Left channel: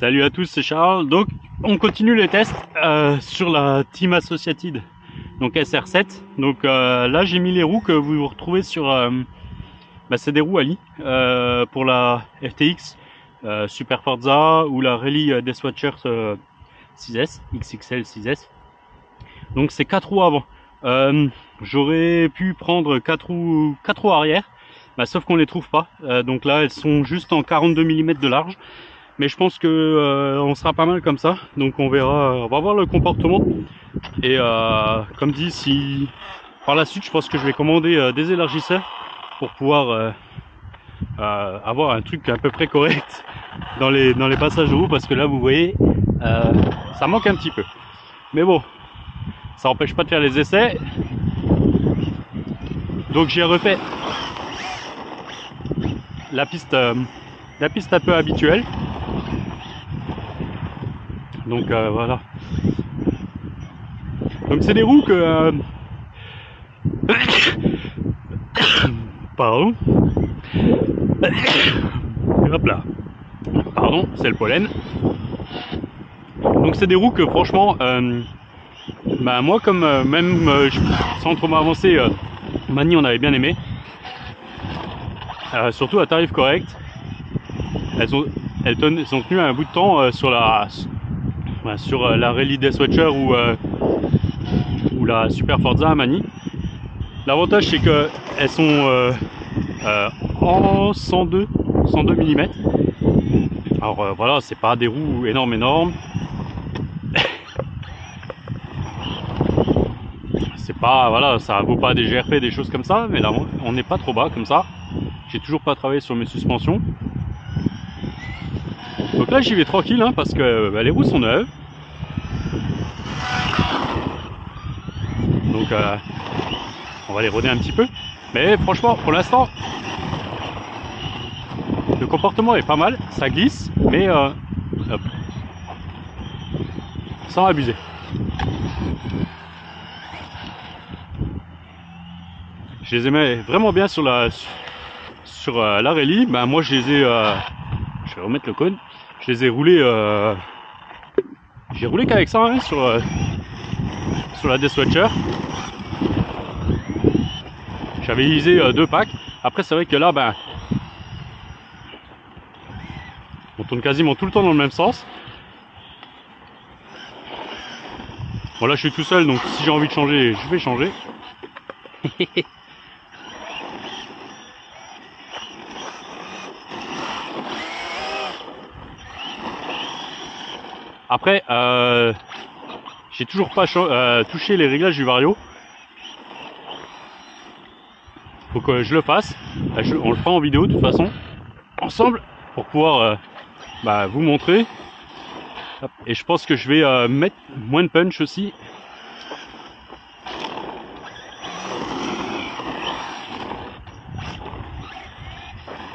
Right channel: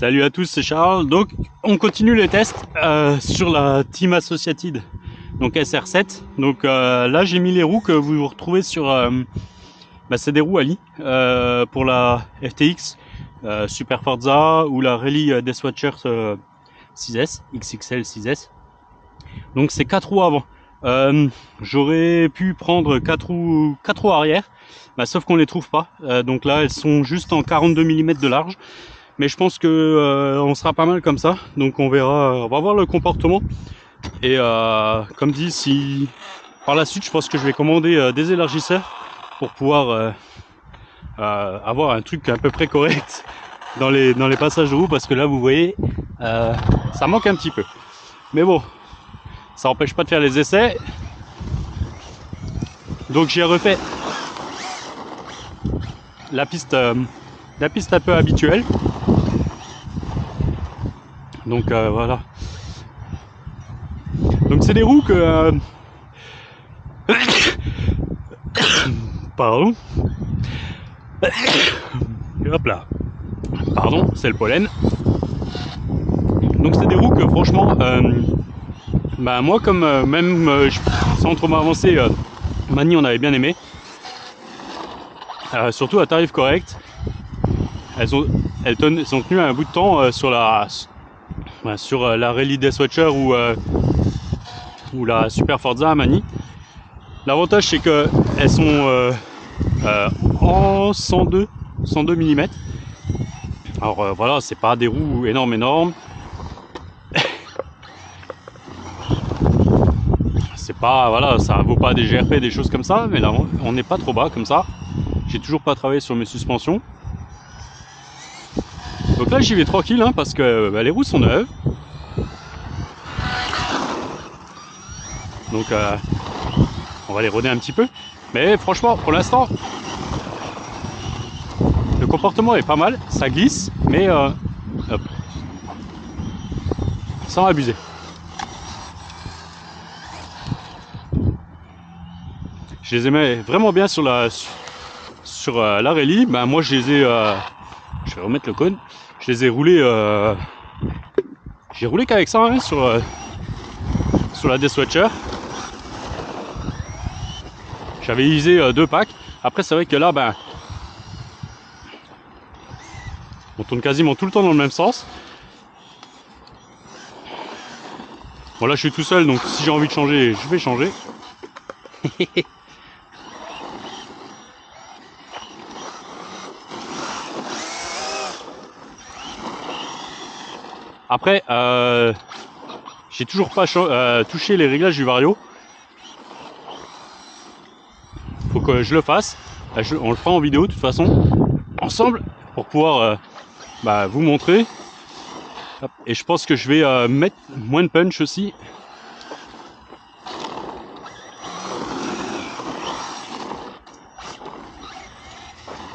Salut à tous, c'est Charles. Donc on continue les tests sur la Team Associated, donc SR7. Donc là j'ai mis les roues que vous retrouvez sur c'est des roues Ali pour la FTX Super Forza ou la Rally Deathwatcher 6S XXL 6S. Donc c'est 4 roues avant. J'aurais pu prendre 4 roues arrière, sauf qu'on les trouve pas. Donc là elles sont juste en 42 mm de large. Mais je pense que on sera pas mal comme ça, donc on verra, on va voir le comportement. Et comme dit, si par la suite, je pense que je vais commander des élargisseurs pour pouvoir avoir un truc à peu près correct dans les passages de roue, parce que là, vous voyez, ça manque un petit peu. Mais bon, ça n'empêche pas de faire les essais. Donc j'ai refait la piste un peu habituelle. Donc voilà. Donc c'est des roues que pardon. Hop là. Pardon, c'est le pollen. Donc c'est des roues que franchement moi comme sans trop m'avancer, Mani on avait bien aimé. Surtout à tarif correct. Elles ont tenu un bout de temps sur la Rally Deathwatcher ou la Super Forza à Mani. L'avantage c'est que elles sont en 102 mm. Alors voilà, c'est pas des roues énormes. C'est pas, voilà, ça vaut pas des GRP, des choses comme ça, mais là on n'est pas trop bas comme ça. J'ai toujours pas travaillé sur mes suspensions. Donc là j'y vais tranquille parce que les roues sont neuves. Donc on va les rôder un petit peu. Mais franchement, pour l'instant, le comportement est pas mal. Ça glisse, mais hop, sans abuser. Je les aimais vraiment bien sur la rallye. Moi je les ai, je vais remettre le cône. Je les ai roulés, j'ai roulé qu'avec ça sur la Deathwatcher. J'avais usé 2 packs. Après c'est vrai que là on tourne quasiment tout le temps dans le même sens. Bon là je suis tout seul, donc si j'ai envie de changer, je vais changer. Après j'ai toujours pas touché les réglages du Vario. Faut que je le fasse. On le fera en vidéo de toute façon ensemble pour pouvoir vous montrer. Hop. Et je pense que je vais mettre moins de punch aussi.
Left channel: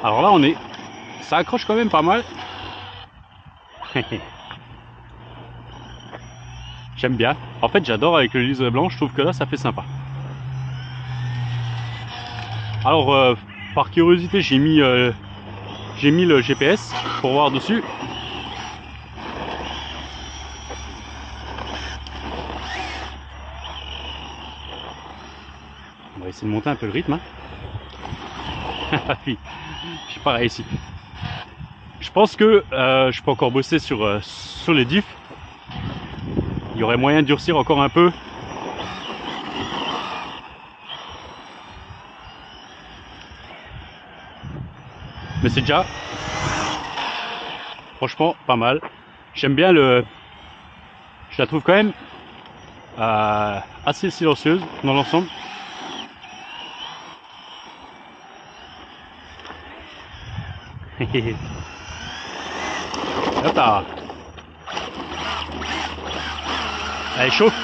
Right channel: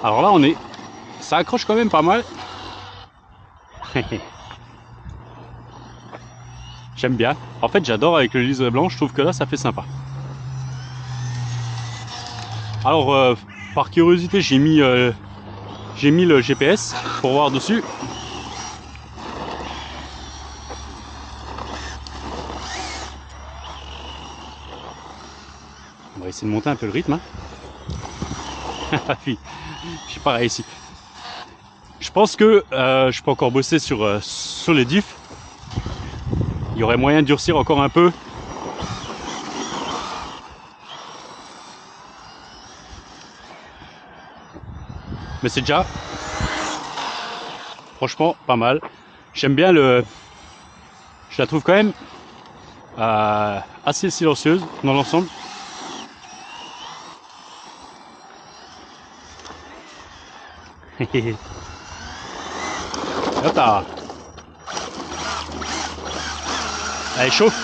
Alors là ça accroche quand même pas mal. J'aime bien. En fait j'adore avec le liseré blanc, je trouve que là ça fait sympa. Alors par curiosité j'ai mis le GPS pour voir dessus. On va essayer de monter un peu le rythme. Je sais pas ici. Je pense que je peux encore bosser sur les diffs. Il y aurait moyen de durcir encore un peu. Mais c'est déjà franchement pas mal. J'aime bien je la trouve quand même assez silencieuse dans l'ensemble. Hop là. Allez, chauffe.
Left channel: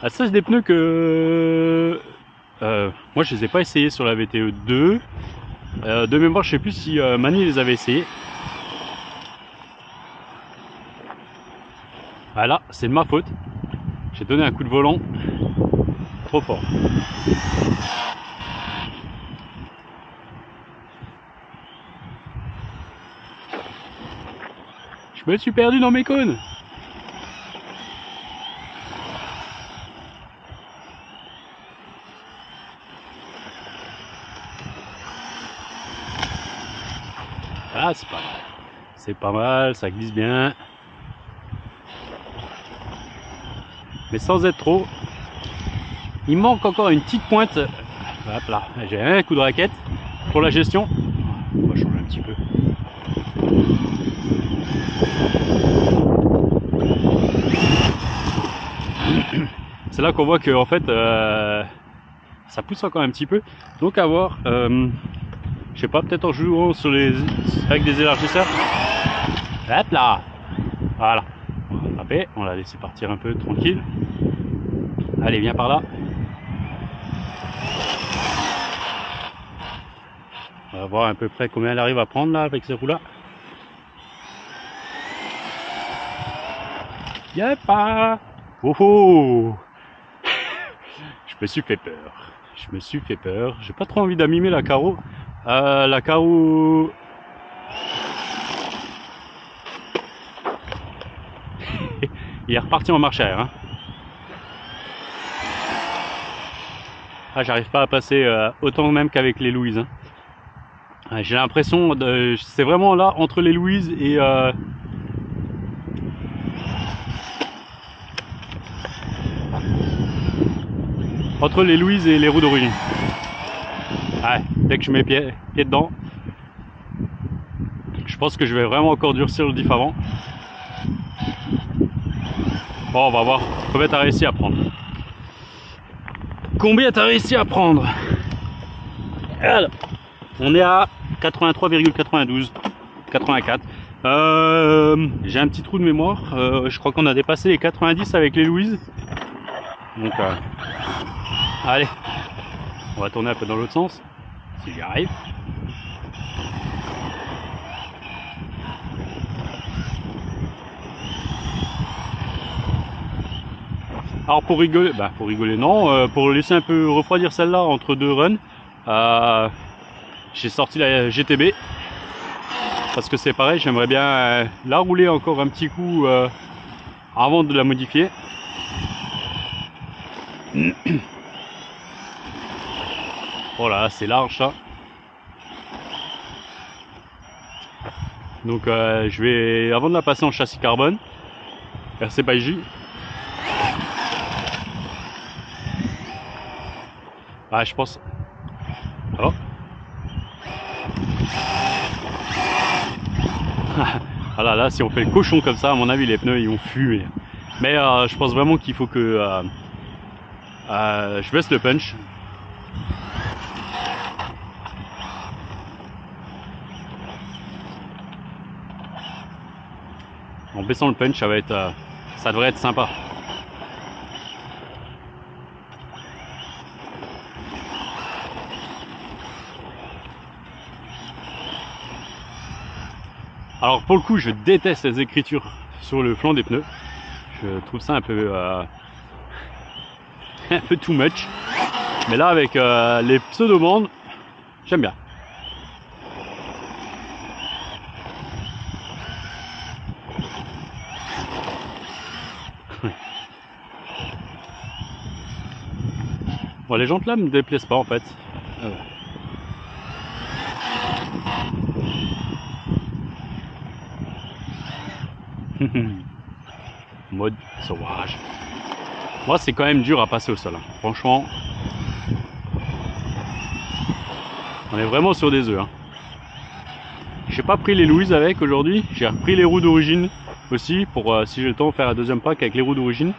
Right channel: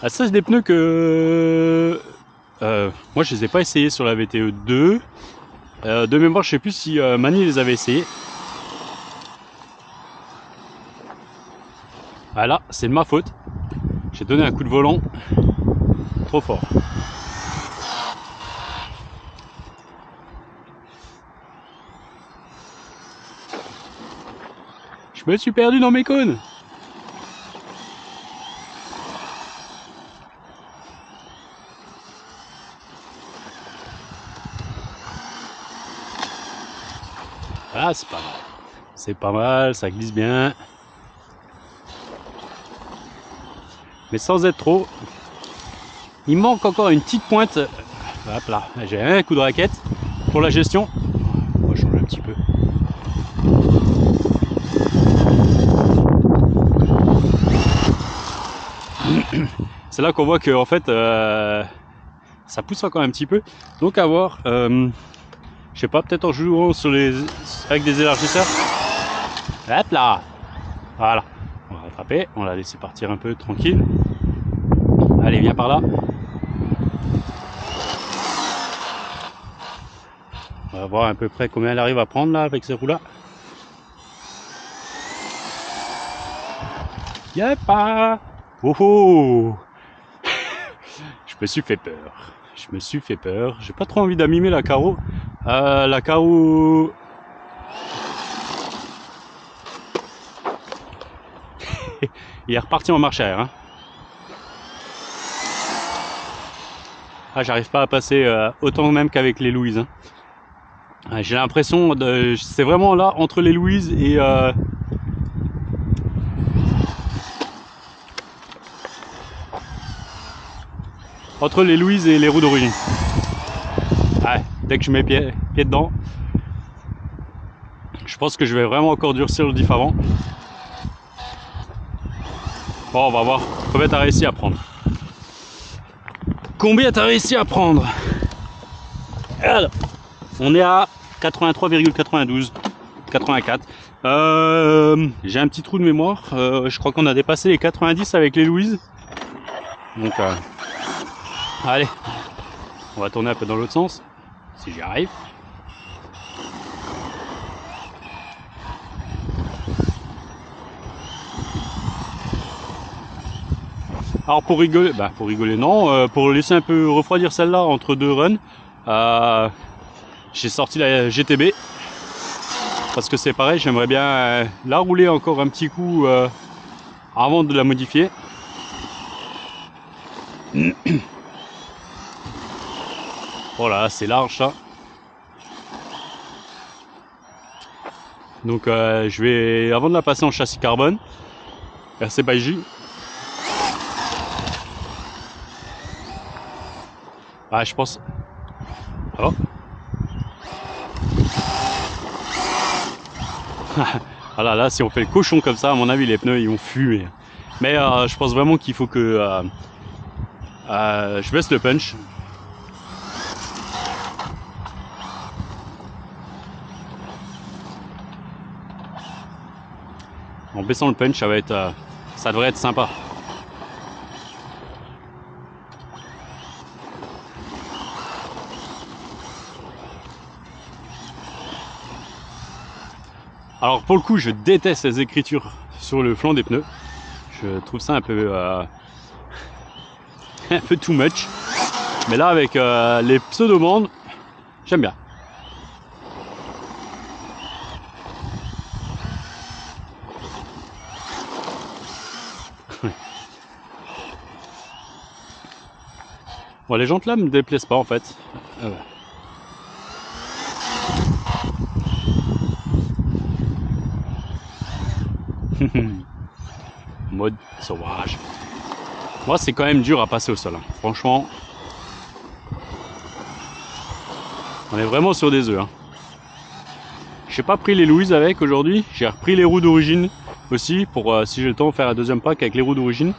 Ça c'est des pneus que moi je les ai pas essayés sur la VTE 2. De mémoire je sais plus si Mani les avait essayés. Voilà, c'est de ma faute. J'ai donné un coup de volant trop fort. Je me suis perdu dans mes cônes. Ah, c'est pas mal. C'est pas mal, ça glisse bien. Mais sans être trop. Il manque encore une petite pointe. Hop là, j'ai un coup de raquette pour la gestion. On va changer un petit peu. C'est là qu'on voit que en fait ça pousse encore un petit peu. Donc à voir. Je sais pas, peut-être en jouant sur avec des élargisseurs. Hop là. Voilà. On va attraper, on l'a laissé partir un peu tranquille. Allez, viens par là. On va voir à peu près combien elle arrive à prendre là avec ces roues là. Y'a pas. Oh oh. Je me suis fait peur. Je me suis fait peur. J'ai pas trop envie d'amimer la carreau. La carreau. Il est reparti en marche arrière. Hein. Ah, j'arrive pas à passer autant même qu'avec les Louise. Hein. Ah, j'ai l'impression de. C'est vraiment là entre les Louise et. Entre les Louise et les roues d'origine. Ouais, dès que je mets pied dedans, je pense que je vais vraiment encore durcir le diff avant. Bon, on va voir combien t'as réussi à prendre. Combien t'as réussi à prendre? Alors, on est à 83,92, 84. J'ai un petit trou de mémoire. Je crois qu'on a dépassé les 90 avec les Louise. Donc, allez, on va tourner un peu dans l'autre sens, si j'y arrive. Alors pour rigoler non, pour laisser un peu refroidir celle-là entre deux runs, j'ai sorti la GTB parce que c'est pareil, j'aimerais bien la rouler encore un petit coup avant de la modifier. Voilà, c'est large ça. Donc je vais, avant de la passer en châssis carbone, RC by J. Ah, je pense. Oh. Ah là, si on fait le cochon comme ça, à mon avis, les pneus ils vont fumer. Mais je pense vraiment qu'il faut que je baisse le punch. En baissant le punch, ça devrait être sympa. Alors pour le coup, je déteste les écritures sur le flanc des pneus. Je trouve ça un peu un peu too much. Mais là, avec les pseudo-bandes, j'aime bien. Bon, les jantes là me déplaisent pas en fait. Mode sauvage. Moi, c'est quand même dur à passer au sol. Hein. Franchement, on est vraiment sur des œufs. Hein. J'ai pas pris les Louise avec aujourd'hui. J'ai repris les roues d'origine aussi pour si j'ai le temps de faire un deuxième pack avec les roues d'origine.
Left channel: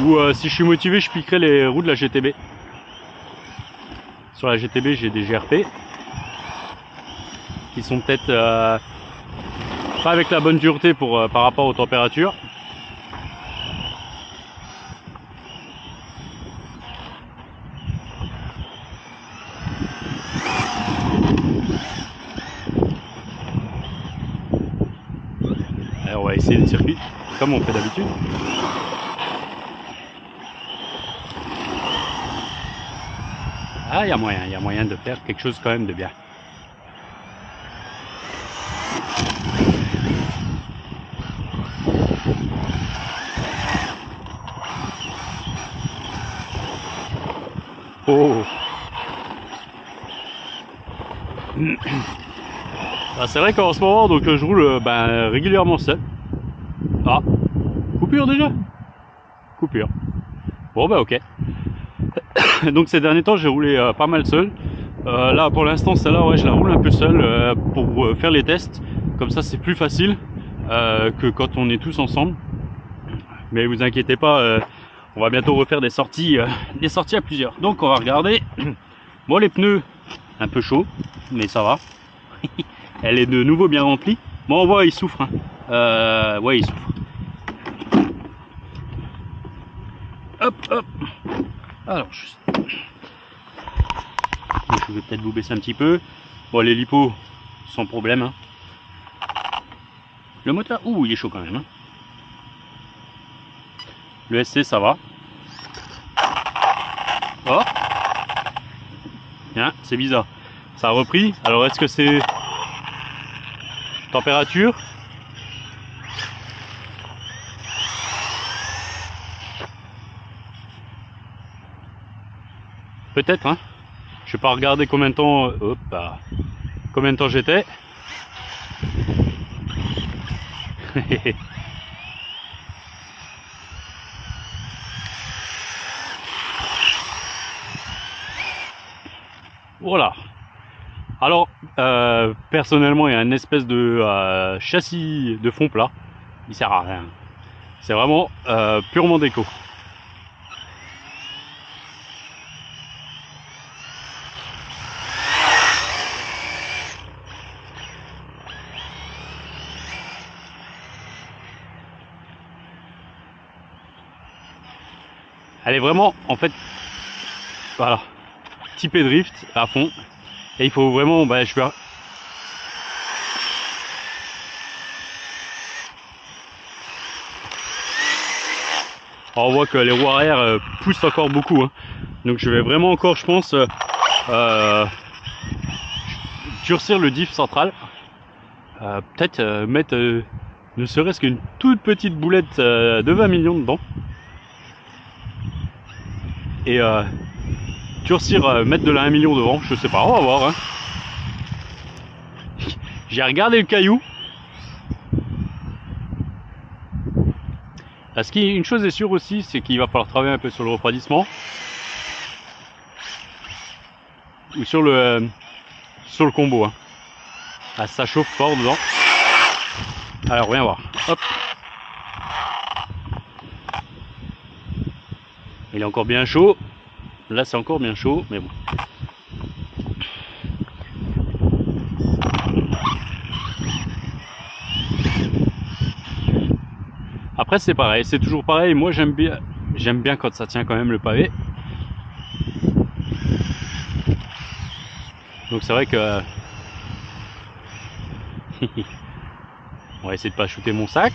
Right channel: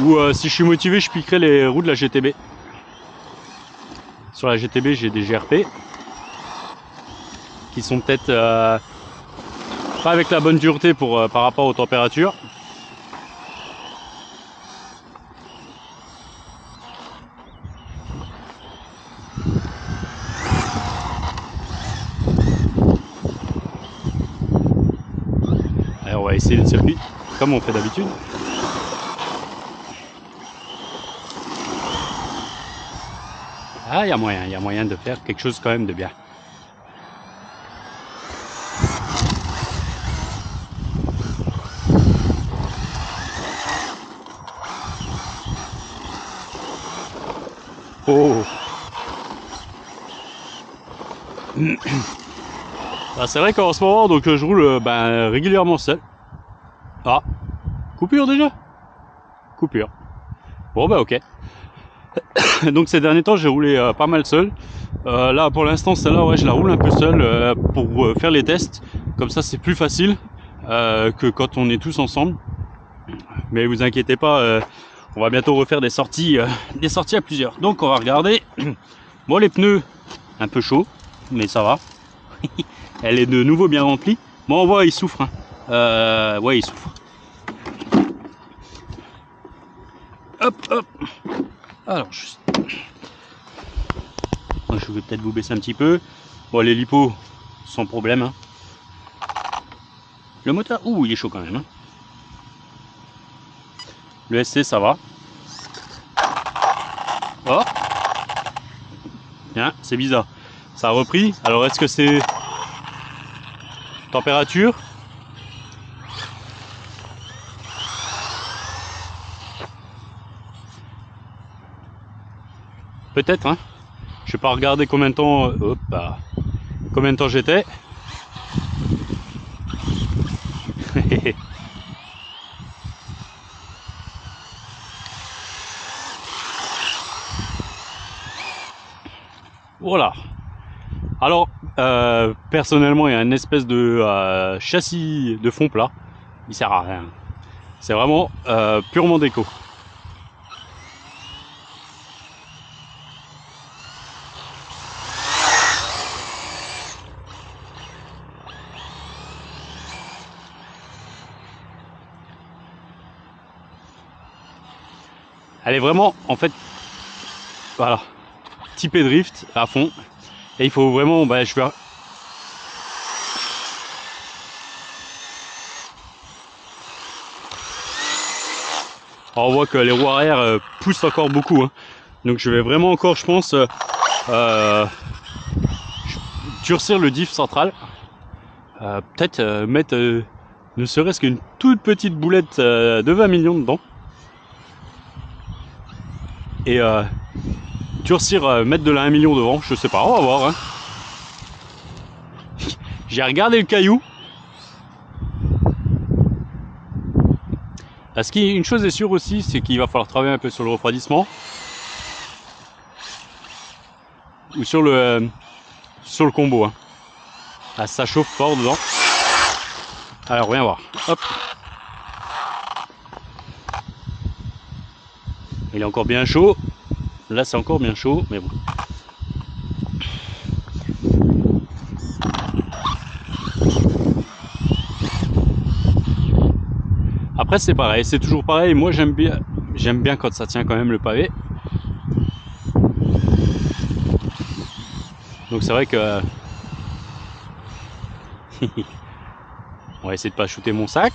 Ou si je suis motivé, je piquerai les roues de la GTB. Sur la GTB, j'ai des GRP qui sont peut-être pas avec la bonne dureté pour, par rapport aux températures. Allez, on va essayer le circuit comme on fait d'habitude. Ah, il y a moyen de faire quelque chose quand même de bien. Oh. Ah, c'est vrai qu'en ce moment, donc je roule régulièrement seul. Ah, coupure déjà? Coupure. Bon bah ok. Donc ces derniers temps, j'ai roulé pas mal seul. Là pour l'instant, celle-là, ouais, je la roule un peu seul pour faire les tests. Comme ça, c'est plus facile que quand on est tous ensemble. Mais vous inquiétez pas, on va bientôt refaire des sorties à plusieurs. Donc on va regarder. Bon, les pneus un peu chauds, mais ça va. Elle est de nouveau bien remplie. Bon, on voit, il souffre. Hein. Ouais, il souffre. Hop, hop. Alors, je vais peut-être vous baisser un petit peu. Bon, les lipos, sans problème. Hein. Le moteur, ouh, il est chaud quand même. Hein. Le SC, ça va. Oh, hein, c'est bizarre. Ça a repris. Alors, est-ce que c'est température? Peut-être, hein. Je vais pas regarder combien de temps. Hop, combien de temps j'étais. Voilà. Alors, personnellement, il y a une espèce de châssis de fond plat. Il sert à rien. C'est vraiment purement déco. Elle est vraiment, en fait, voilà, typée drift à fond. Et il faut vraiment, je vais... Alors, on voit que les roues arrière poussent encore beaucoup. Hein. Donc je vais vraiment encore, je pense, durcir le diff central. Peut-être mettre ne serait-ce qu'une toute petite boulette de 20 millions dedans. Et durcir, mettre de la 1 million devant, je sais pas, on va voir. Hein. J'ai regardé le caillou. Une chose est sûre aussi, c'est qu'il va falloir travailler un peu sur le refroidissement. Ou sur le combo. Hein. Ah, ça chauffe fort dedans. Alors, rien voir. Hop. Il est encore bien chaud. Là, c'est encore bien chaud, mais bon. Après, c'est pareil, c'est toujours pareil. Moi, j'aime bien quand ça tient quand même le pavé. Donc, c'est vrai que on va essayer de pas shooter mon sac.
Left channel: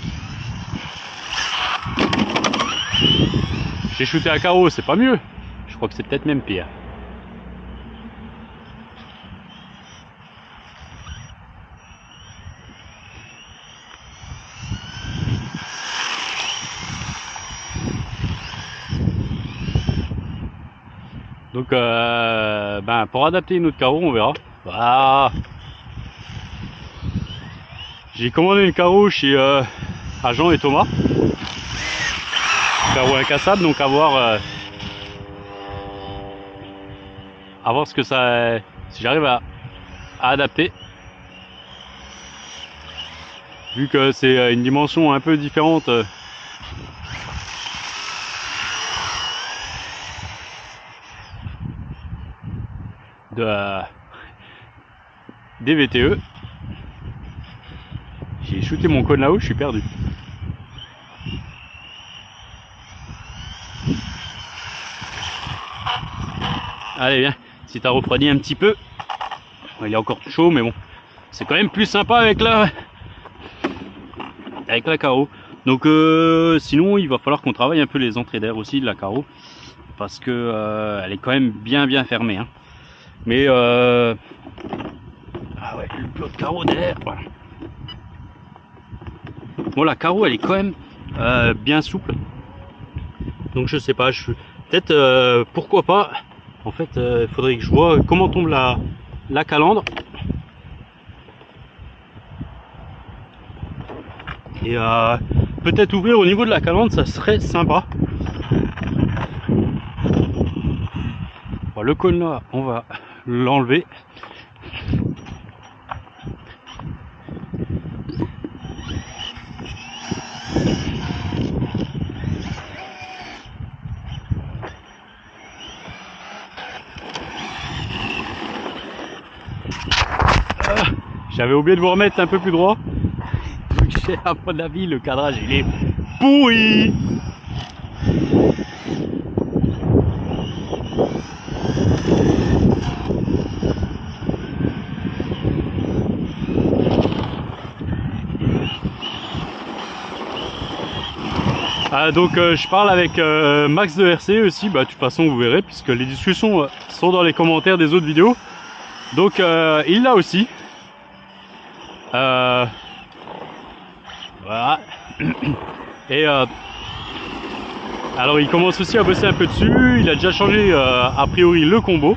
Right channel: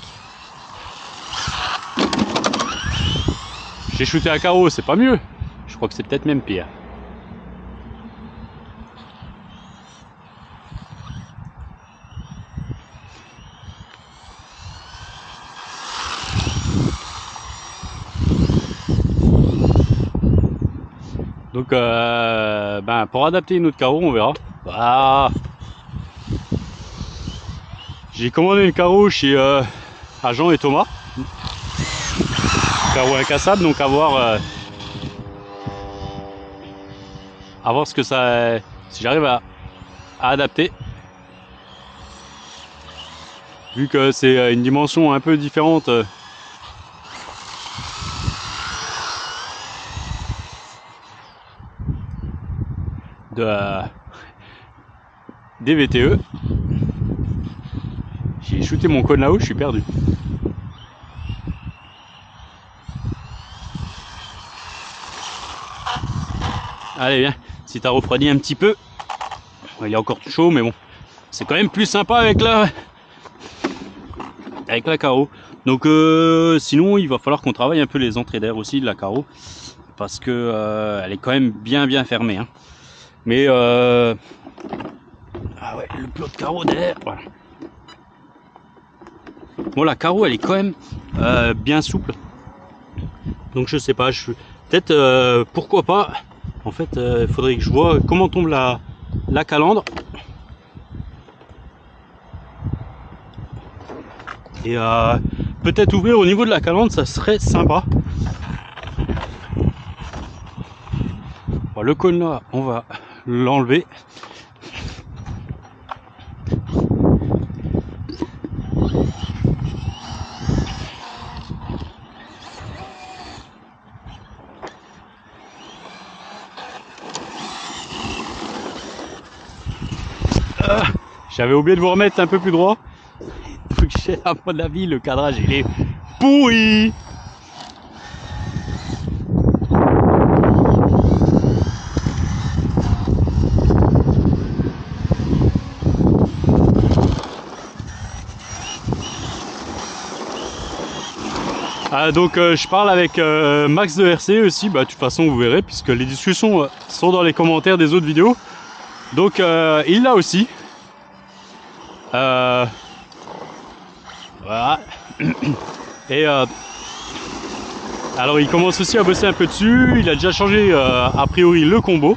J'ai shooté à carreau, c'est pas mieux. Je crois que c'est peut-être même pire. Donc, pour adapter une autre carreau, on verra. Ah. J'ai commandé une carreau chez à Jean et Thomas. Carreau incassable, donc à voir ce que ça, si j'arrive à adapter. Vu que c'est une dimension un peu différente. Des VTE. J'ai shooté mon cône là-haut, je suis perdu. Allez, viens, si t'as refroidi un petit peu. Il est encore chaud, mais bon. C'est quand même plus sympa avec la carreau. Donc sinon, il va falloir qu'on travaille un peu les entrées d'air aussi de la carreau. Parce que elle est quand même bien fermée. Hein. Mais ah ouais, le plot de carreau derrière, voilà. Bon, la carreau elle est quand même bien souple. Donc je sais pas, peut-être pourquoi pas En fait, il faudrait que je vois comment tombe la calandre. Et peut-être ouvrir au niveau de la calandre, ça serait sympa. Bon, le cône là, on va l'enlever. J'avais oublié de vous remettre un peu plus droit. À mon avis, le cadrage il est pourri. Donc je parle avec Max de RC aussi, bah de toute façon vous verrez puisque les discussions sont dans les commentaires des autres vidéos. Donc il l'a aussi. Voilà. Et alors il commence aussi à bosser un peu dessus. Il a déjà changé a priori le combo.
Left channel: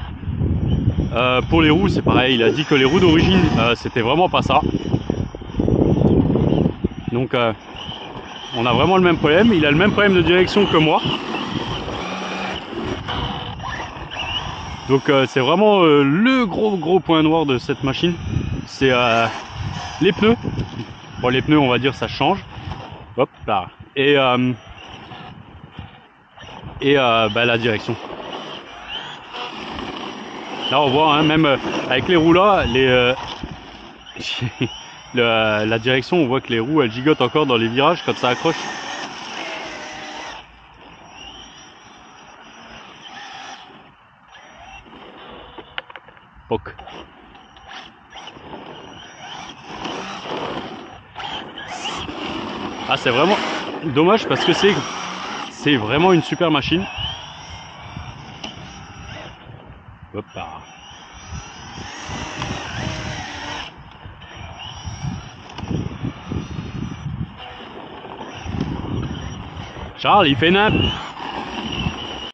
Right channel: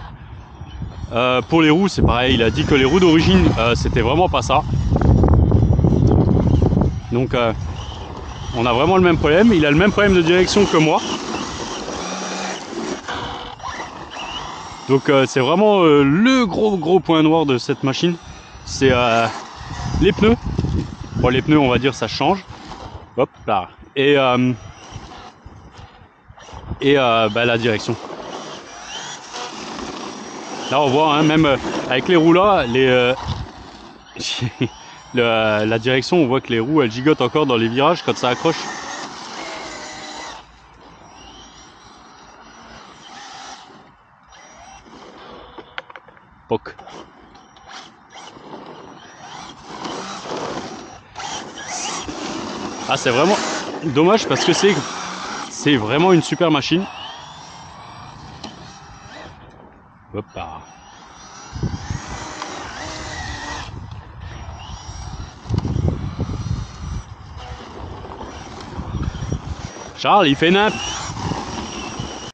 Pour les roues c'est pareil, il a dit que les roues d'origine c'était vraiment pas ça. Donc on a vraiment le même problème. Il a le même problème de direction que moi. Donc c'est vraiment le gros point noir de cette machine. C'est les pneus. Bon, les pneus on va dire ça change. Hop là. Et bah, la direction. Là on voit hein, même avec les roues là, la direction, on voit que les roues elles gigotent encore dans les virages quand ça accroche. Poc. Ah c'est vraiment dommage parce que c'est vraiment une super machine. Hop là. Charles, il fait nimp.